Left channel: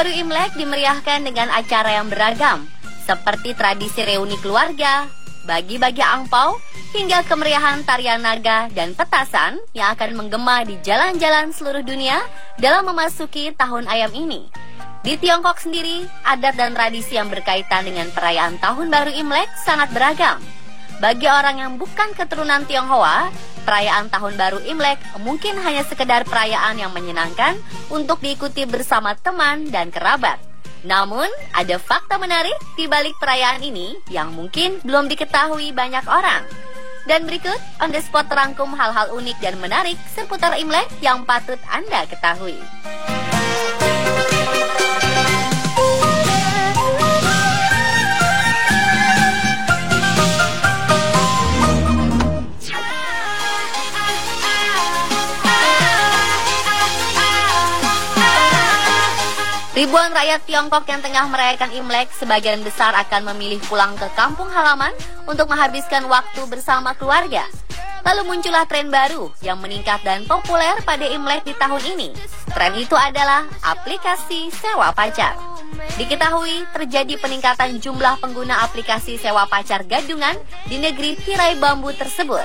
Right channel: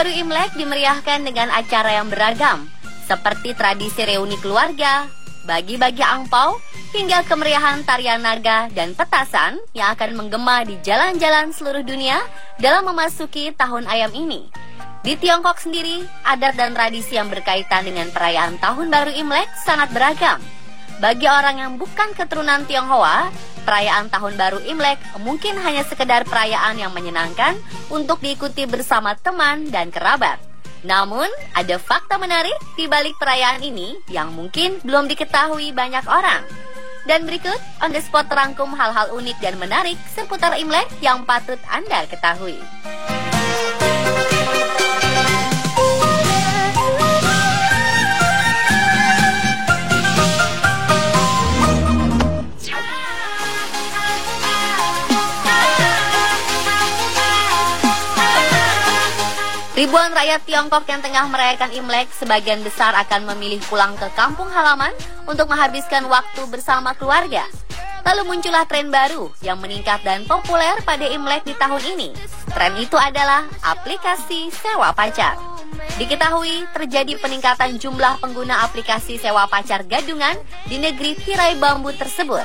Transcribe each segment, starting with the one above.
baru Imlek dimeriahkan dengan acara yang beragam, seperti tradisi reuni keluarga, bagi-bagi angpau, hingga kemeriahan tarian naga dan petasan yang akan menggema di jalan-jalan seluruh dunia dalam memasuki tahun ayam ini. Di Tiongkok sendiri, adat dan tradisi yang berkaitan dengan perayaan Tahun Baru Imlek sangat beragam. Bagi orang yang bukan keturunan Tionghoa, perayaan Tahun Baru Imlek mungkin hanya sekedar perayaan yang menyenangkan untuk diikuti bersama teman dan kerabat. Namun, ada fakta menarik di balik perayaan ini yang mungkin belum diketahui banyak orang. Dan berikut, on the spot terangkum hal-hal unik dan menarik seputar Imlek yang patut Anda ketahui. Ribuan rakyat Tiongkok yang tengah merayakan Imlek sebagian besar akan memilih pulang ke kampung halaman untuk menghabiskan waktu bersama keluarga. Lalu muncullah tren baru yang meningkat dan populer pada Imlek di tahun ini. Tren itu adalah aplikasi sewa pacar. Diketahui terjadi peningkatan jumlah pengguna aplikasi sewa pacar gadungan di negeri tirai bambu tersebut.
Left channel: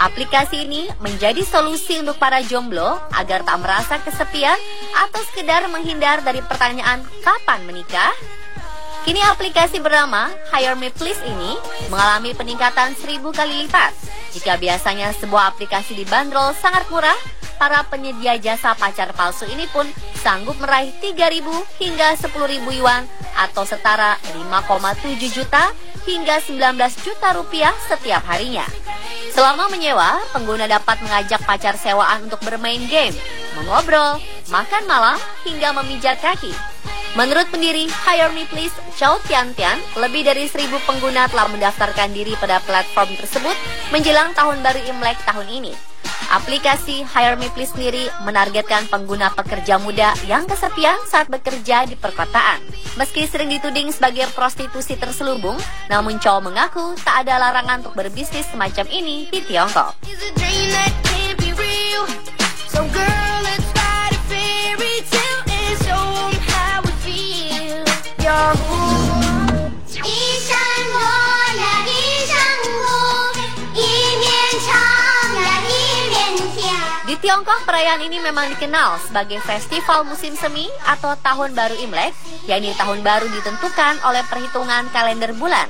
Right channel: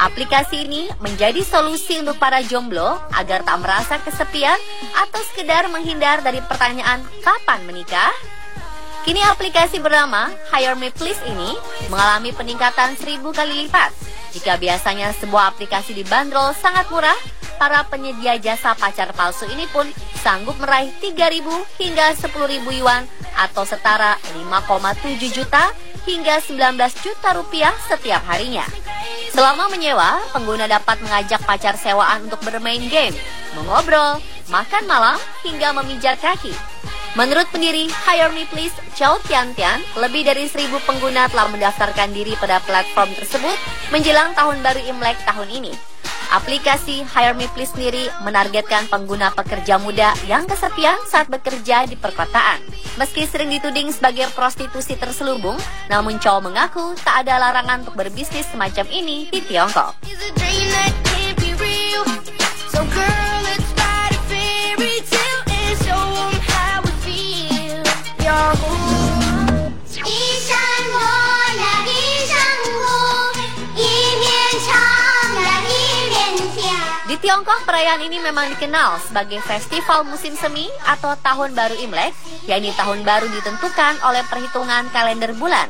Aplikasi ini menjadi solusi untuk para jomblo agar tak merasa kesepian atau sekedar menghindar dari pertanyaan kapan menikah. Kini aplikasi bernama Hire Me Please ini mengalami peningkatan 1000 kali lipat. Jika biasanya sebuah aplikasi dibanderol sangat murah, para penyedia jasa pacar palsu ini pun sanggup meraih 3.000 hingga 10.000 yuan atau setara 5,7 juta hingga 19 juta rupiah setiap harinya. Selama menyewa, pengguna dapat mengajak pacar sewaan untuk bermain game, mengobrol, makan malam, hingga memijat kaki. Menurut pendiri Hire Me Please, Chow Tian Tian, lebih dari 1.000 pengguna telah mendaftarkan diri pada platform tersebut menjelang Tahun Baru Imlek tahun ini. Aplikasi Hire Me Please sendiri menargetkan pengguna pekerja muda yang kesepian saat bekerja di perkotaan. Meski sering dituding sebagai prostitusi terselubung, namun Chow mengaku tak ada larangan untuk berbisnis semacam ini di Tiongkok. Di Tiongkok, perayaan ini memang dikenal sebagai festival musim semi atau Tahun Baru Imlek, yakni tahun baru ditentukan oleh perhitungan kalender bulan.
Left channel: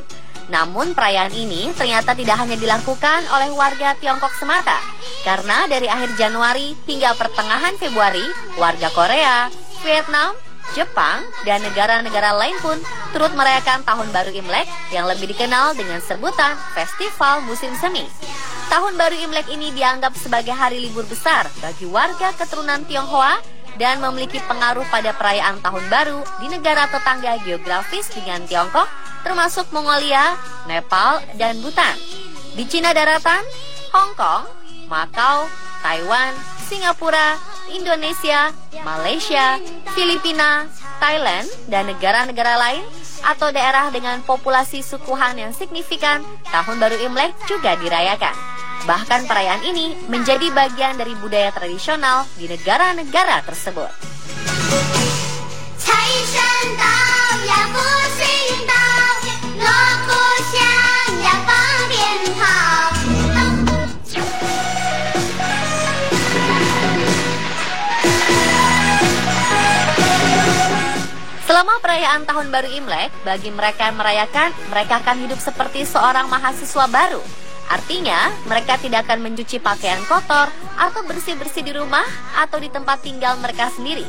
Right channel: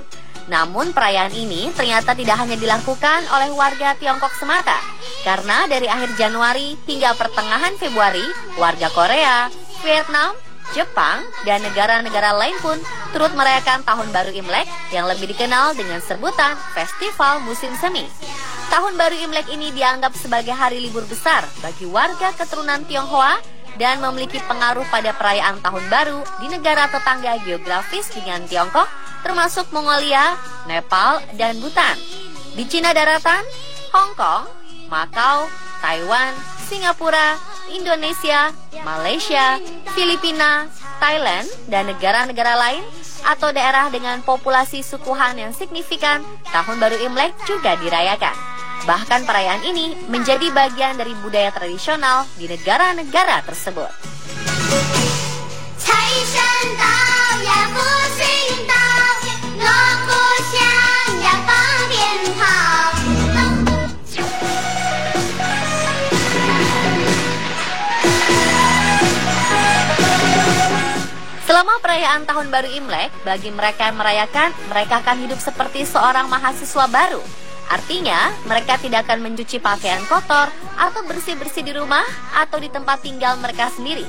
Namun perayaan ini ternyata tidak hanya dilakukan oleh warga Tiongkok semata, karena dari akhir Januari hingga pertengahan Februari, warga Korea, Vietnam, Jepang, dan negara-negara lain pun turut merayakan Tahun Baru Imlek yang lebih dikenal dengan sebutan Festival Musim Semi. Tahun Baru Imlek ini dianggap sebagai hari libur besar bagi warga keturunan Tionghoa dan memiliki pengaruh pada perayaan Tahun Baru di negara tetangga geografis dengan Tiongkok, termasuk Mongolia, Nepal, dan Bhutan. Di Cina daratan, Hong Kong, Macau, Taiwan, Singapura, Indonesia, Malaysia, Filipina, Thailand, dan negara-negara lain atau daerah dengan populasi suku Han yang signifikan, Tahun Baru Imlek juga dirayakan. Bahkan perayaan ini menjadi bagian dari budaya tradisional di negara-negara tersebut. Selama perayaan Tahun Baru Imlek, bagi mereka yang merayakan, mereka akan hidup seperti seorang mahasiswa baru. Artinya, mereka tidak akan mencuci pakaian kotor atau bersih-bersih di rumah atau di tempat tinggal mereka sendiri.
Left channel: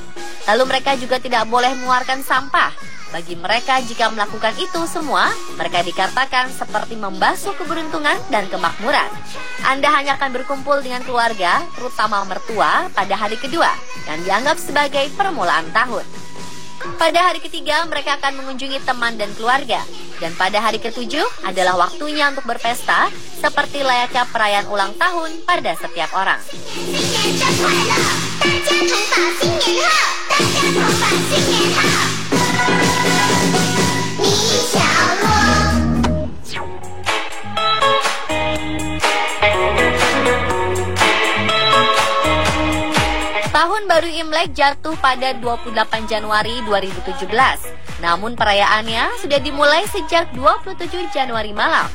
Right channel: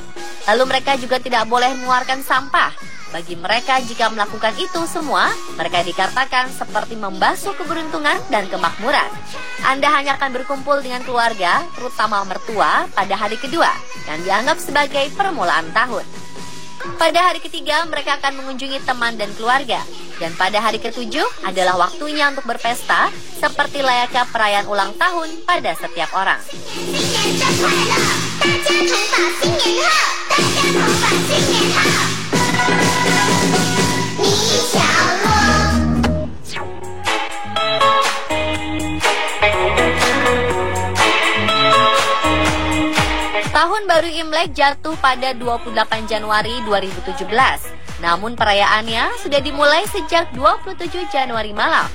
Lalu mereka juga tidak boleh mengeluarkan sampah. Bagi mereka, jika melakukan itu semua, mereka dikatakan seperti membasuh keberuntungan dan kemakmuran. Anda hanya akan berkumpul dengan keluarga, terutama mertua, pada hari kedua, dan dianggap sebagai permulaan tahun. Pada hari ketiga, mereka akan mengunjungi teman dan keluarga. Dan pada hari ketujuh adalah waktunya untuk berpesta, seperti layaknya perayaan ulang tahun pada setiap orang. Tahun Tahun Baru Imlek jatuh pada 28 Januari 2017. Namun perayaannya sudah dimulai sejak 27 Januari malam.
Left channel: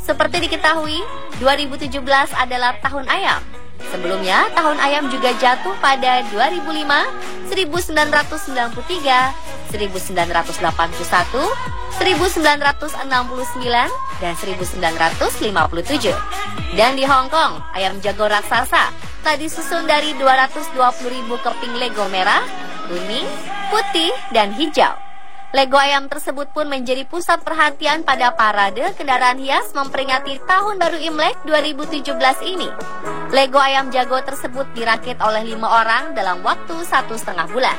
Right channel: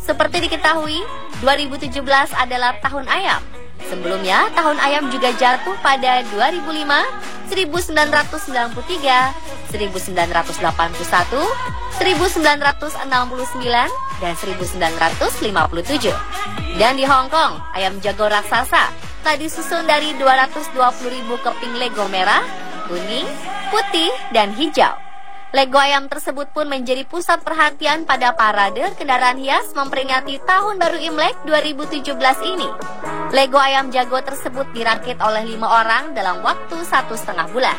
Seperti diketahui, 2017 adalah tahun ayam. Sebelumnya, tahun ayam juga jatuh pada 2005, 1993, 1981, 1969, dan 1957. Dan di Hong Kong, ayam jago raksasa telah disusun dari 220.000 keping Lego merah, kuning, putih, dan hijau. Lego ayam tersebut pun menjadi pusat perhatian pada parade kendaraan hias memperingati Tahun Baru Imlek 2017 ini. Lego ayam jago tersebut dirakit oleh 5 orang dalam waktu 1,5 bulan.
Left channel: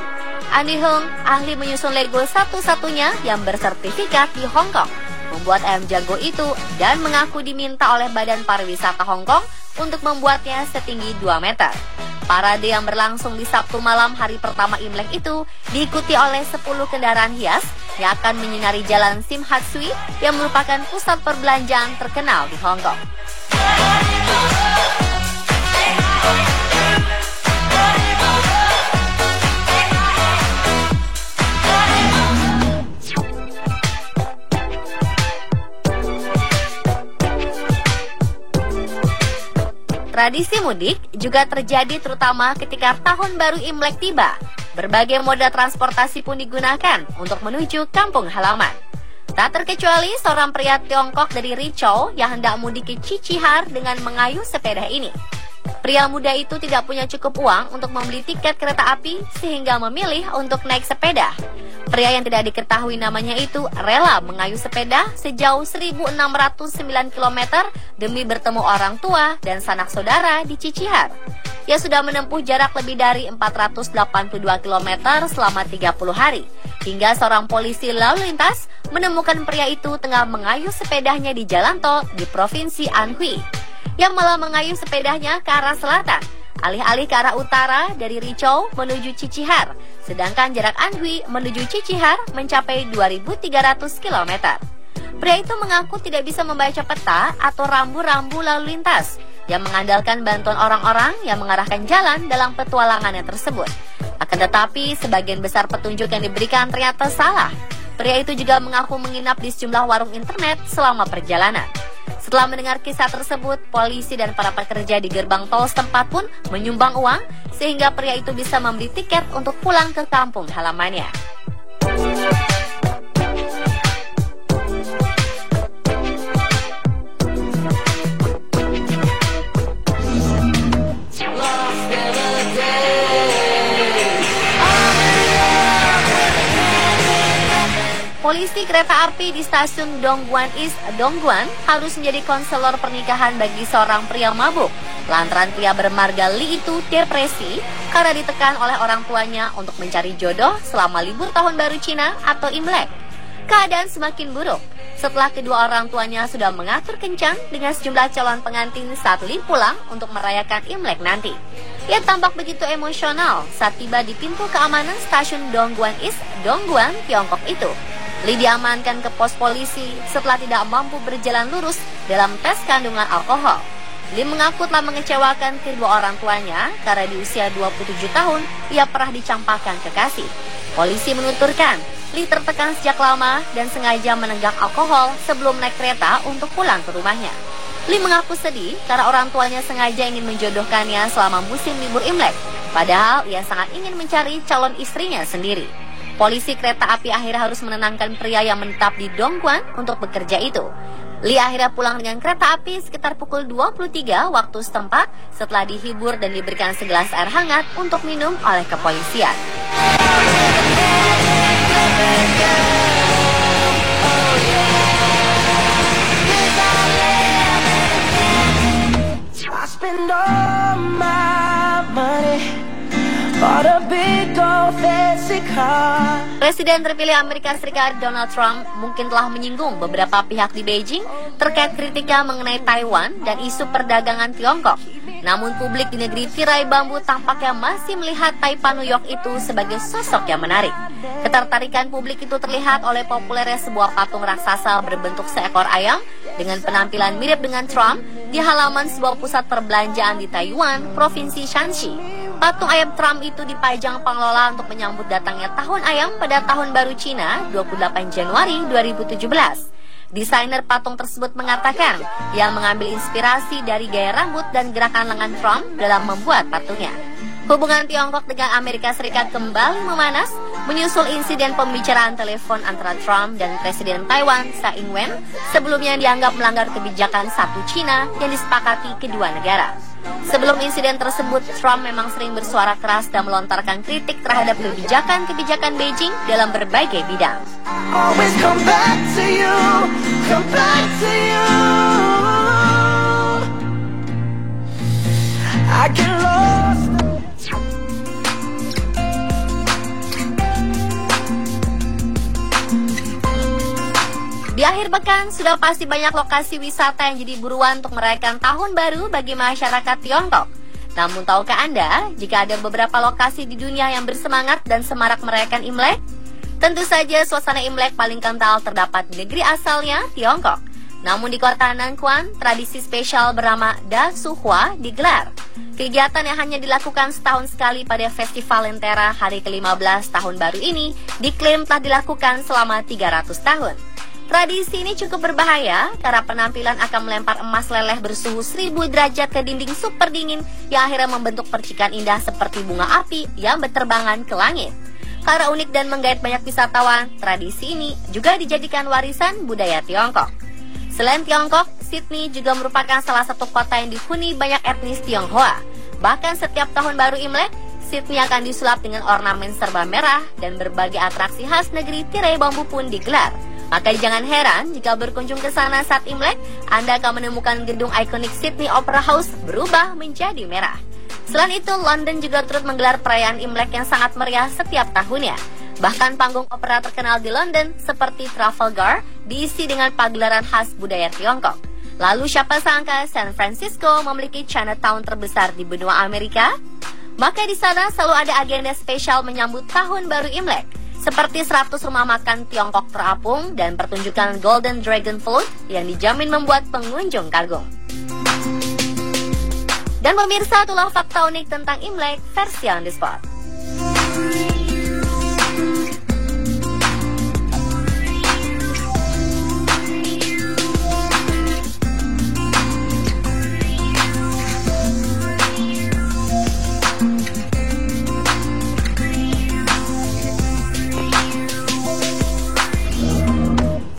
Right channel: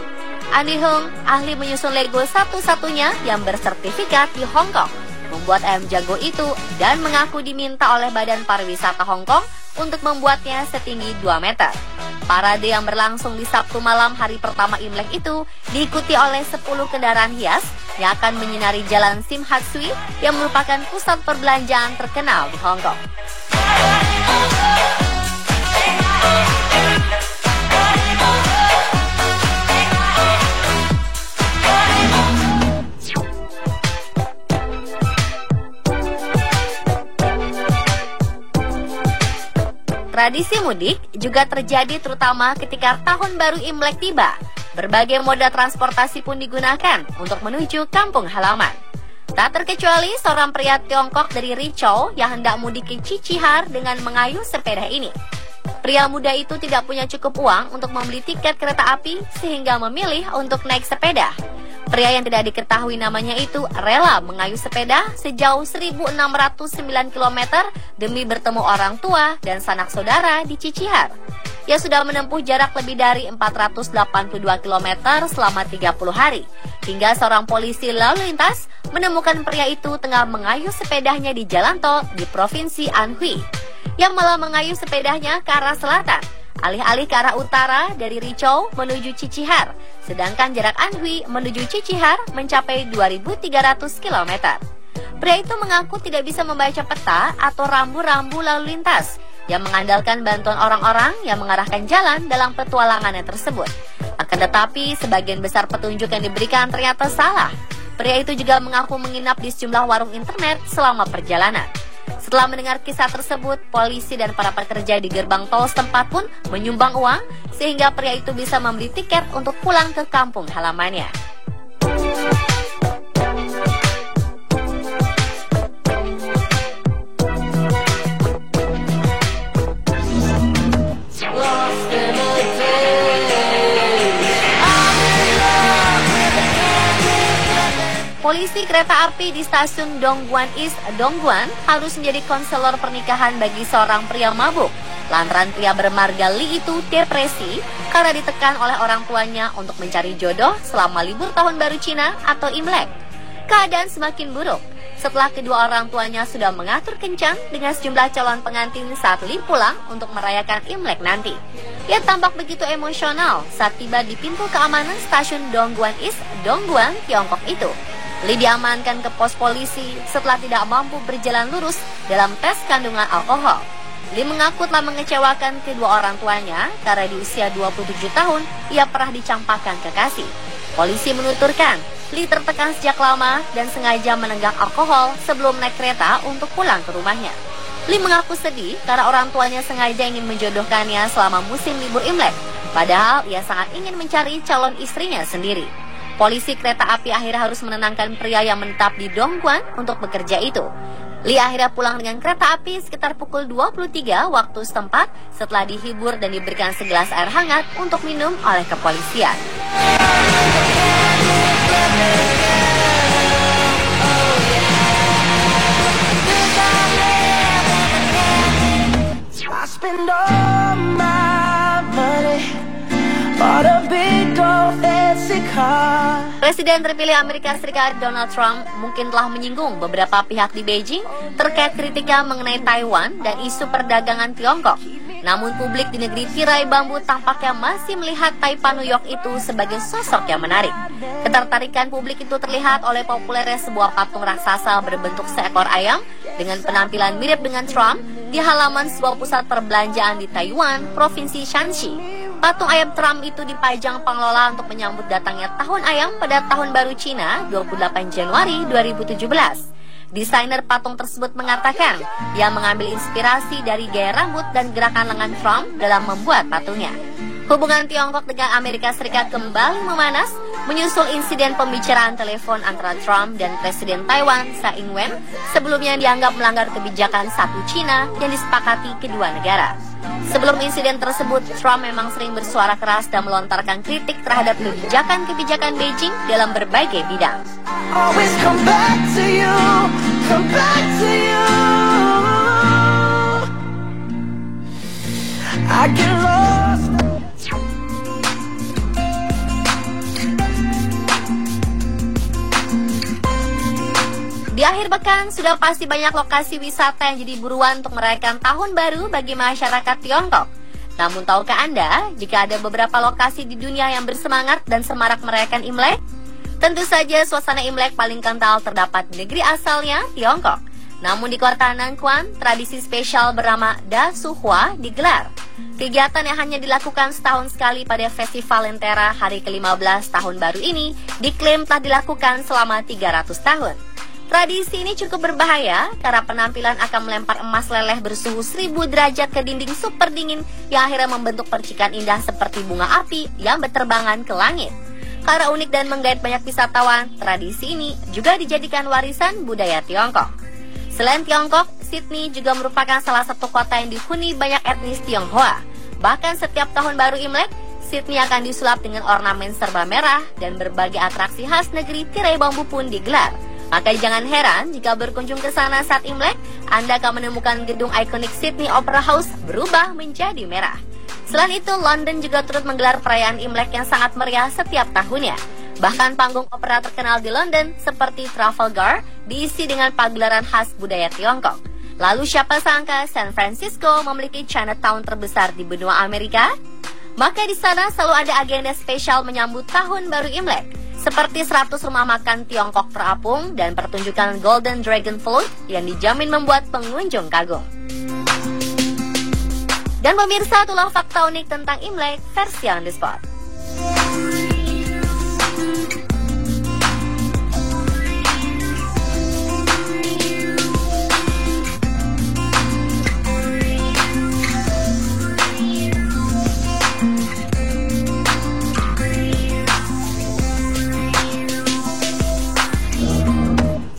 Andy Hung, ahli menyusun Lego satu-satunya yang bersertifikat di Hong Kong, membuat ayam jago itu dan mengaku diminta oleh Badan Pariwisata Hong Kong untuk membuatnya setinggi 2 meter. Parade yang berlangsung di Sabtu malam hari pertama Imlek itu diikuti oleh 10 kendaraan hias yang akan menyinari Jalan Sim Hat Sui yang merupakan pusat perbelanjaan terkenal di Hong Kong. Tradisi mudik juga terjadi terutama ketika Tahun Baru Imlek tiba. Berbagai moda transportasi pun digunakan untuk menuju kampung halaman. Tak terkecuali seorang pria Tiongkok dari Rizhou yang hendak mudik ke Cicihar dengan mengayuh sepeda ini. Pria muda itu tidak punya cukup uang untuk membeli tiket kereta api sehingga memilih untuk naik sepeda. Pria yang tidak diketahui namanya itu rela mengayuh sepeda sejauh 1.609 km demi bertemu orang tua dan sanak saudara di Cicihar. Ia sudah menempuh jarak lebih dari 482 km selama 30 hari, hingga seorang polisi lalu lintas menemukan pria itu tengah mengayuh sepedanya di jalan tol di Provinsi Anhui, yang malah mengayuh sepedanya ke arah selatan, alih-alih ke arah utara dari Rizhou menuju Cicihar, sedangkan jarak Anhui menuju Cicihar mencapai 2.300 km. Pria itu mengaku tidak bisa membaca peta atau rambu-rambu lalu lintas, yang mengandalkan bantuan orang-orang yang mengarahkan jalan dalam petualangannya tersebut. Akan tetapi, sebagian besar petunjuk yang diberikan ternyata salah. Pria itu juga mengaku menginap di sejumlah warung internet selama perjalanan. Setelah mendengar kisah tersebut, polisi dan para pekerja di gerbang tol setempat pun menyumbang uang sehingga pria itu bisa membeli tiket untuk pulang ke kampung halamannya. Polisi kereta api di stasiun Dongguan East, Dongguan harus menjadi konselor pernikahan bagi seorang pria mabuk. Lantaran pria bermarga Li itu depresi karena ditekan oleh orang tuanya untuk mencari jodoh selama libur tahun baru Cina atau Imlek. Keadaan semakin buruk setelah kedua orang tuanya sudah mengatur kencan dengan sejumlah calon pengantin saat Li pulang untuk merayakan Imlek nanti. Ia tampak begitu emosional saat tiba di pintu keamanan stasiun Dongguan East, Dongguan, Tiongkok itu. Li diamankan ke pos polisi setelah tidak mampu berjalan lurus dalam tes kandungan alkohol. Li mengaku telah mengecewakan kedua orang tuanya karena di usia 27 tahun ia pernah dicampakkan kekasih. Polisi menuturkan, Li tertekan sejak lama dan sengaja menenggak alkohol sebelum naik kereta untuk pulang ke rumahnya. Li mengaku sedih karena orang tuanya sengaja ingin menjodohkannya selama musim libur Imlek, padahal ia sangat ingin mencari calon istrinya sendiri. Polisi kereta api akhirnya harus menenangkan pria yang menetap di Dongguan untuk bekerja itu. Li akhirnya pulang dengan kereta api sekitar pukul 23 waktu setempat setelah dihibur dan diberikan segelas air hangat untuk minum oleh kepolisian. Presiden terpilih Amerika Serikat Donald Trump mungkin telah menyinggung beberapa pihak di Beijing terkait kritiknya mengenai Taiwan dan isu perdagangan Tiongkok. Namun publik di negeri tirai bambu tampaknya masih melihat Taipan New York itu sebagai sosok yang menarik. Ketertarikan publik itu terlihat oleh populernya sebuah patung raksasa berbentuk seekor ayam dengan penampilan mirip dengan Trump di halaman sebuah pusat perbelanjaan di Taiwan, Provinsi Shanxi. Patung ayam Trump itu dipajang pengelola untuk menyambut datangnya tahun ayam pada tahun baru Cina 28 Januari 2017. Desainer patung tersebut mengatakan ia mengambil inspirasi dari gaya rambut dan gerakan lengan Trump dalam membuat patungnya. Hubungan Tiongkok dengan Amerika Serikat kembali memanas menyusul insiden pembicaraan telepon antara Trump dan Presiden Taiwan Tsai Ing-wen sebelumnya dianggap melanggar kebijakan satu Cina yang disepakati kedua negara. Sebelum insiden tersebut, Trump memang sering bersuara keras dan melontarkan kritik terhadap kebijakan-kebijakan Beijing dalam berbagai bidang. Di akhir pekan, sudah pasti banyak lokasi wisata yang jadi buruan untuk merayakan tahun baru bagi masyarakat Tiongkok. Namun tahukah Anda, jika ada beberapa lokasi di dunia yang bersemangat dan semarak merayakan Imlek? Tentu saja suasana Imlek paling kental terdapat di negeri asalnya, Tiongkok. Namun di kota Nangquan, tradisi spesial bernama Da Suhua digelar. Kegiatan yang hanya dilakukan setahun sekali pada Festival Lentera hari ke-15 tahun baru ini diklaim telah dilakukan selama 300 tahun. Tradisi ini cukup berbahaya karena penampilan akan melempar emas leleh bersuhu 1000 derajat ke dinding super dingin yang akhirnya membentuk percikan indah seperti bunga api yang berterbangan ke langit. Karena unik dan menggait banyak wisatawan, tradisi ini juga dijadikan warisan budaya Tiongkok. Selain Tiongkok, Sydney juga merupakan salah satu kota yang dihuni banyak etnis Tionghoa. Bahkan setiap tahun baru Imlek, Sydney akan disulap dengan ornamen serba merah dan berbagai atraksi khas negeri tirai bambu pun digelar. Maka jangan heran jika berkunjung ke sana saat Imlek, Anda akan menemukan gedung ikonik Sydney Opera House berubah menjadi merah. Selain itu, London juga turut menggelar perayaan Imlek yang sangat meriah setiap tahunnya. Bahkan panggung opera terkenal di London seperti Trafalgar diisi dengan pagelaran khas budaya Tiongkok. Lalu siapa sangka San Francisco memiliki Chinatown terbesar di benua Amerika? Maka di sana selalu ada agenda spesial menyambut tahun baru Imlek, seperti 100 rumah makan Tiongkok terapung dan pertunjukan Golden Dragon Float yang dijamin membuat pengunjung kagum. Dan pemirsa, itulah fakta unik tentang Imlek versi on the spot.